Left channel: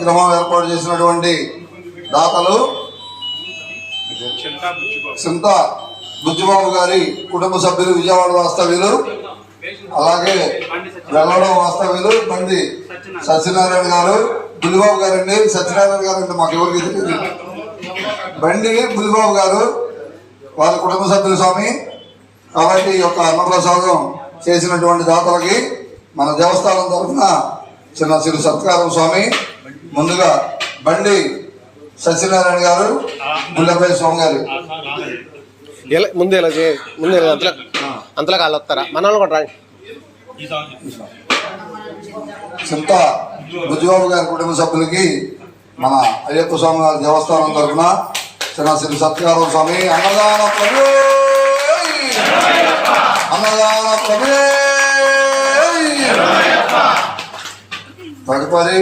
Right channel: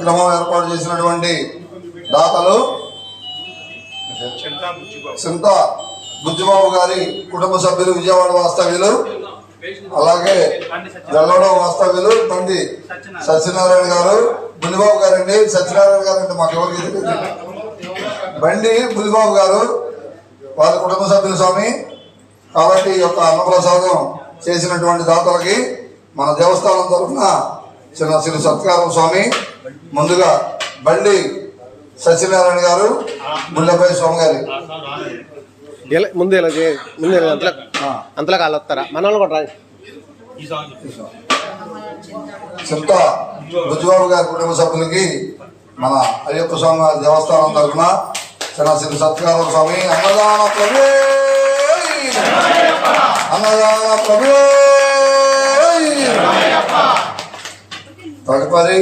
విగ్రహం ఏర్పాటు చేసినటువంటి దాతలు చింత బుజ్జిబాబు గారి కుటుంబ సభ్యులు, విజయవాడ వాస్తవ్యులు, అలాగే వెల్లడం వాస్తవ్యులు బండి సత్యనారాయణ గారు, బుల్లిబాబు గారండి. సత్యనారాయణ గారు అంటే మాకు ఎవరికి తెలియదు. బండి బుల్లిబాబు గారు వారి కుటుంబ సభ్యులు స్వామి. కాబట్టి ఈ యొక్క అన్నప్రసాదం చేసినటువంటి దాతలకి మన దేవస్థానం తరఫున చిన్న చిరు సత్కారం స్వామి. ముందుగా బండి సత్యనారాయణ గారు, ముల్లపల్లి స్వామి గారు ముందు అంతలా కాళ్ళు వస్తారా మన వాళ్ళు కూడా రాండి. చింత బుజ్జిబాబు గారి కుటుంబ సభ్యులకి మన అయ్యప్ప స్వామి గారి దేవస్థానం తరఫున చిన్న చిరు సత్కారం స్వామి. అన్నదాన ప్రభు, అన్నదాన ప్రభు. తదుపరి